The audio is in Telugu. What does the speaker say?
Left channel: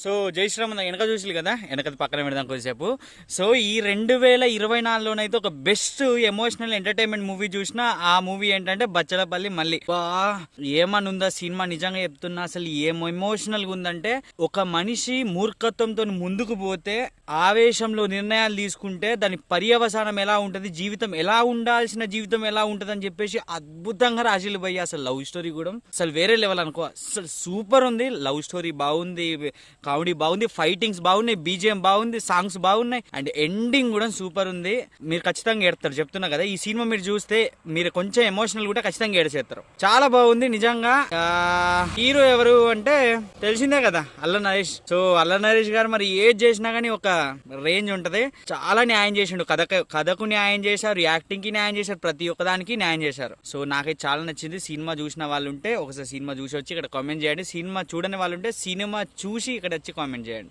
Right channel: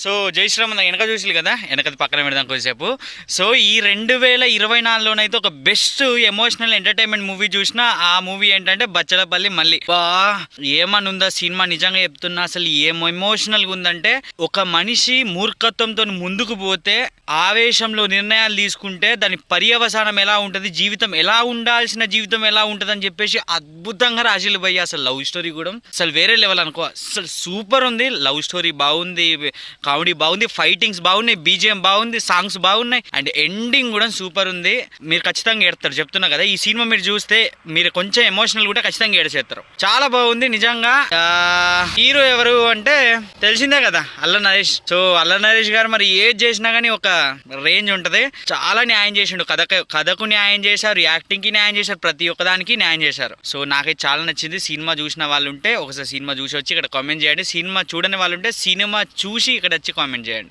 సో జై శ్రీరామ్ వెనక చూసి కదా, వెనకది పక్కన పెడదాం కొద్దిసేపు. సో ఈ 2024లోనైతే ఒక బెస్ట్ ఎమోషనల్ ఎంటర్టైన్మెంట్ మూవీ చూసిన ఆ మూవీ ఏంటంటే బచ్చలపల్లి మళ్ళీ. బా ఏమని ఉందా సినిమా, నిజంగా చెప్తున్నా. అసలు ఏం ఎమోషనల్గా ఉందంటే, ఒక మనిషి మూర్ఖత్వంతో ముందుకు పోతే, ఆవేశంలో నిర్ణయాలు తీసుకుంటే దాని పర్యవసానం ఎలా ఉంటుంది, జీవితం ఎలా ఉండాల్సిన జీవితం ఎలా ఉంటుంది అని చెప్పేసి అద్భుతంగా రాసిలు పోయి. అసలు లవ్ స్టోరీ కూడా అసలు వేరే లెవెల్ అనుకో. అసలు సూపర్ ఉంది. లవ్ స్టోరీ బాగుంది, కామెడీ బాగుంది, ఫైటింగ్స్ బాగున్నాయి, బీజిఎం బాగుంది, సాంగ్స్ బాగున్నాయి, అండ్ ఎండింగ్ కూడా సూపర్ ఉంది. మీరు ఖచ్చితంగా ఏడతారు చెప్తున్నా కదా. ఈ సినిమా మీరు చూస్తే మీరు కొంచెం ఎమోషనల్ కూడా ఖచ్చితంగా ఏడ్చేస్తారు. చాలా బాగుంది నిజంగా. హీరో ఎవరు అంటే తెలిసిందే కదా, అల్ల నరేష్. సో అల్ల నరేష్ గారు మరి ఏది చేసినా కానీ ఒక రేంజ్ ఉంటది. చాలా న్యాయం చేసిండు. కథకు న్యాయం చేశారు, యాక్టింగ్ కి న్యాయం చేశారు, ప్రతి ఒక్కదానికి న్యాయం చేశారు. సో నాకైతే చాలా నచ్చింది. సినిమా చూసిన వాళ్ళు ఉంటే ఒకసారి సినిమా చూసి వచ్చి ఇక్కడ కామెంట్ చేయండి. సినిమా చూడని వాళ్ళు ఉంటే సినిమా చూసి ఇక్కడ వచ్చి కామెంట్ చేయండి.